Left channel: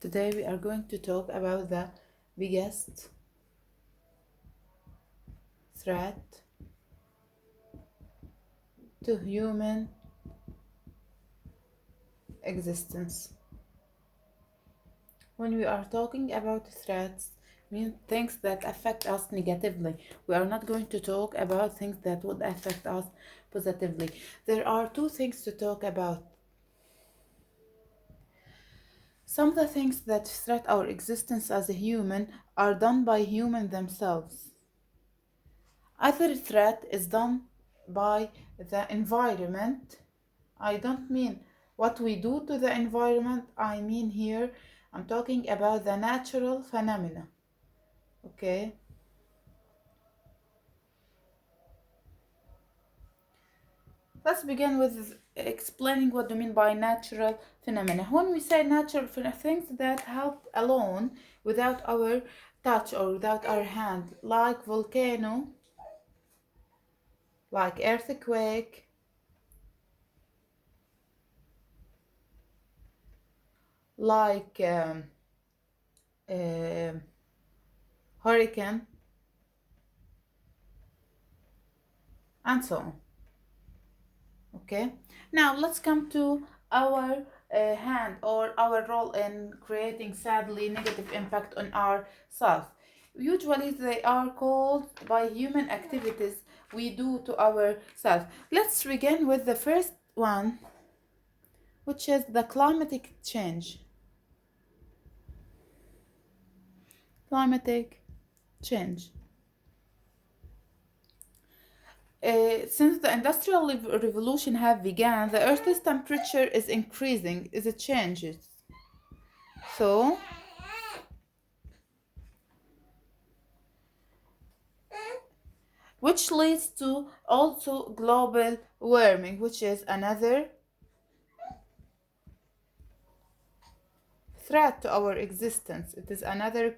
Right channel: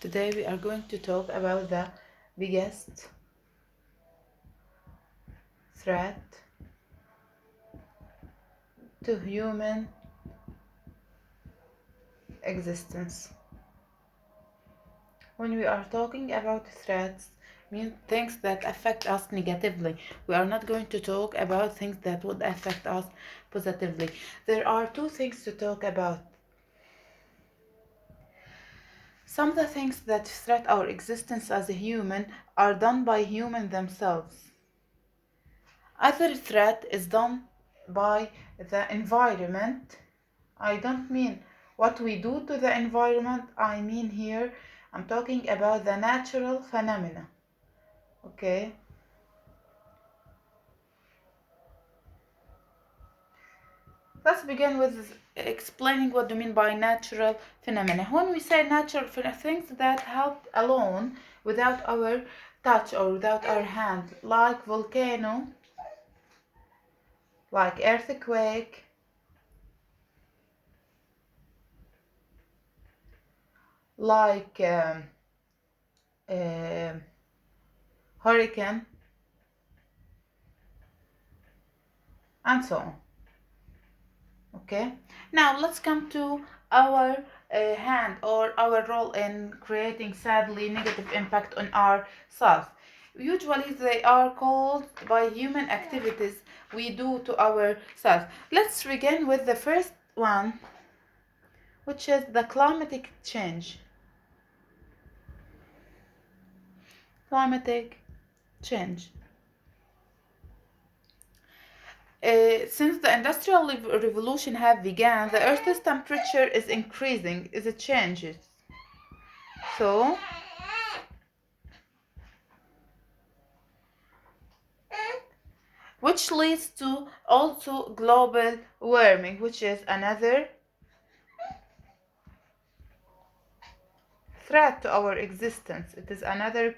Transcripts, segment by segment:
Today we are going to talk about the biggest threat to human existence. When we are talking about threats, mean things that affect us negatively. We are not going to talk about things that would affect us positively. There are two things to talk about. Some of the things that threat our existence as a human are done by humans themselves. Other threat is done by the environment. I don't mean what we do to the environment, I mean here I'm talking about the natural phenomena. Okay? Let's begin with explaining what do you mean by natural phenomena. When we say natural phenomena, things that help alone without our touch or without our hand, like volcano, like earthquake, like uh, hurricane, and so on. Okay, now let's come to our hand or our role in creating sadly negative impact on ourselves. Usually they are called by human activities we do to ourselves. Let's begin with the first one, which is the climatic change. Climatic change. Since the industrial revolution have begun, the Earth's temperature is increasing, it changes. So, which leads to also global warming, which is another threat to our existence. It is another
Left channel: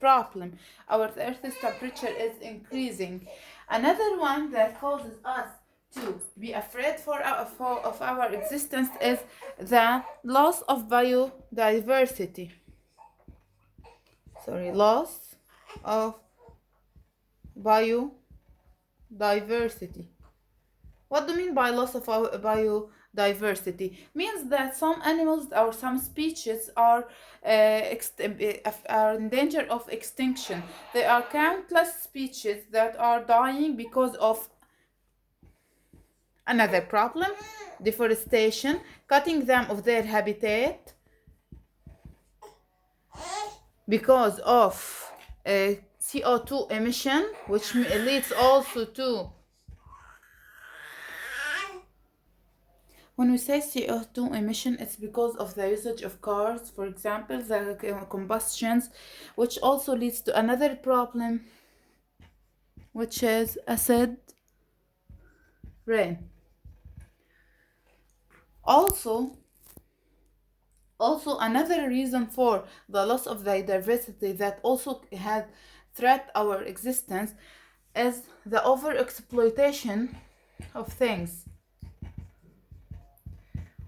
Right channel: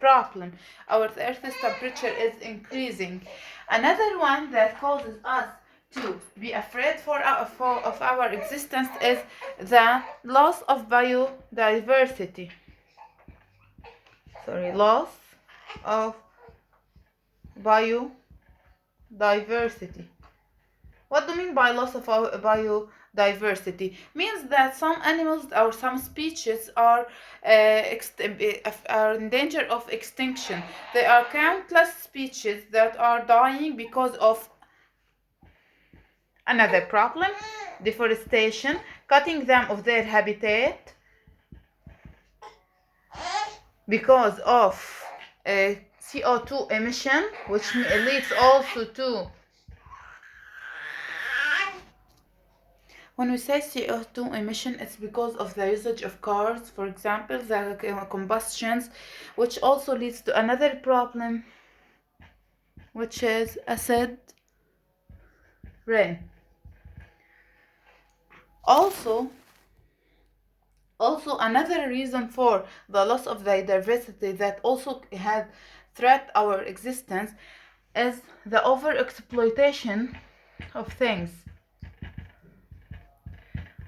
problem. Our Earth's temperature is increasing. Another one that causes us to be afraid of our existence is the loss of biodiversity. Loss of biodiversity. What do you mean by loss of biodiversity? Means that some animals or some species are in danger of extinction. There are countless species that are dying because of another problem, deforestation, cutting them of their habitat because of CO2 emission, which leads also to. When we say CO2 emission, it's because of the usage of cars, for example, the combustions, which also leads to another problem, which is acid rain. Also another reason for the loss of biodiversity that also has threat our existence is the overexploitation of things.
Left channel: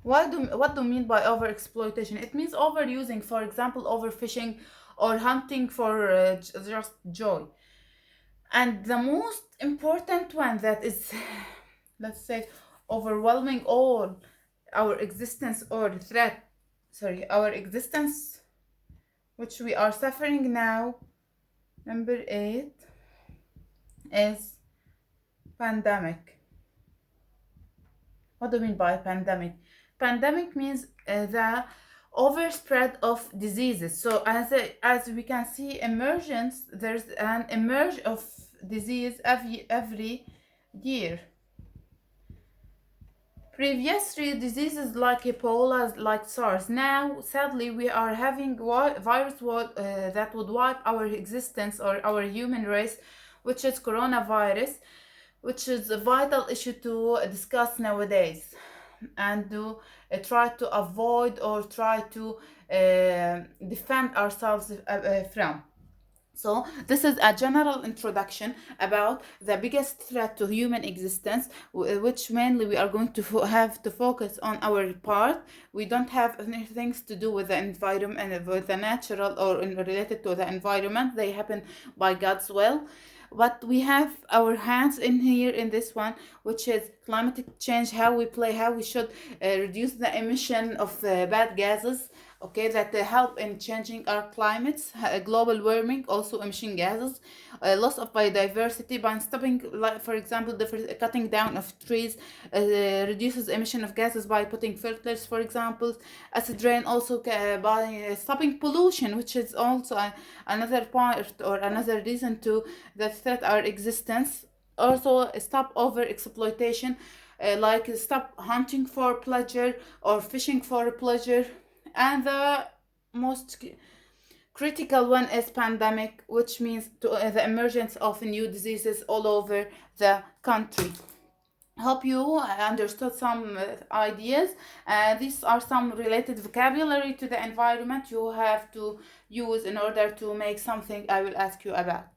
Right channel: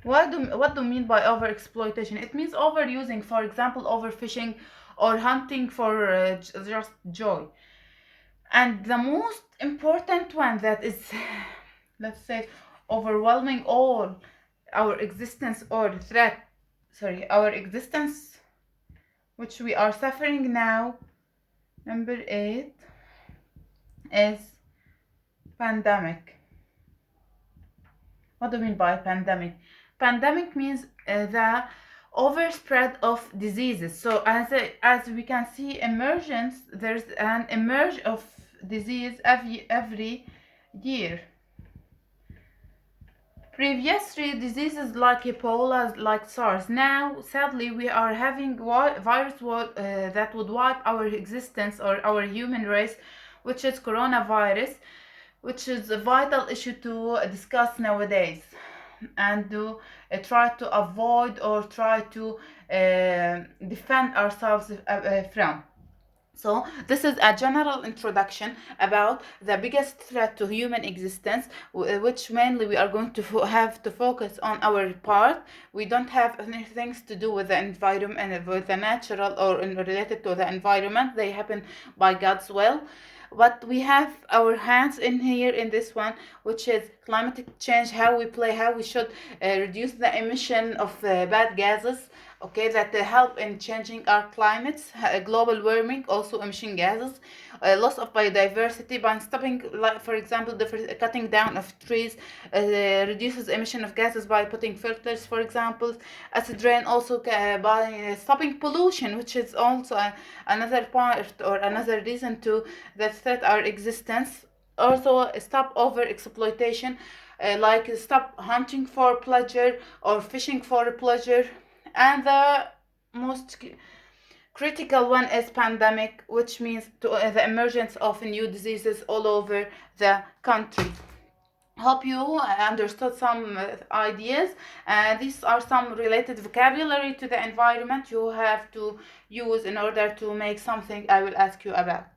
What do you mean by overexploitation? It means overusing, for example, overfishing or hunting for just joy. And the most important one that is, let's say, overwhelming all our existence or threat, our existence, which we are suffering now, number 8, is pandemic. What do you mean by pandemic? Pandemic means the overspread of diseases. So as we can see, there's an emerge of disease every year. Previously, diseases like Ebola, like SARS. Now, sadly, we are having virus that would wipe our existence or our human race, which is coronavirus, which is a vital issue to discuss nowadays and to try to avoid or try to defend ourselves from. So this is a general introduction about the biggest threat to human existence, which mainly we are going to have to focus on our part. We don't have anything to do with the environment, with the natural or related to the environment. They happen by God's will. But we have our hands in here in this one, which is climatic change, how we play, how we should reduce the emission of bad gases, okay, that help in changing our climates, global warming, also emission gases, loss of biodiversity by stopping, like for example, the cutting down of trees reduces emission of gases by putting filters, for example. Acid rain also by stopping pollution, which is also another part or another reason to that threat our existence. Also stop over exploitation, like stop hunting for pleasure or fishing for pleasure. And the most critical one is pandemic, which means the emergence of new diseases all over the country. Hope you understood some ideas. These are some related vocabulary to the environment you have to use in order to make something I will ask you about.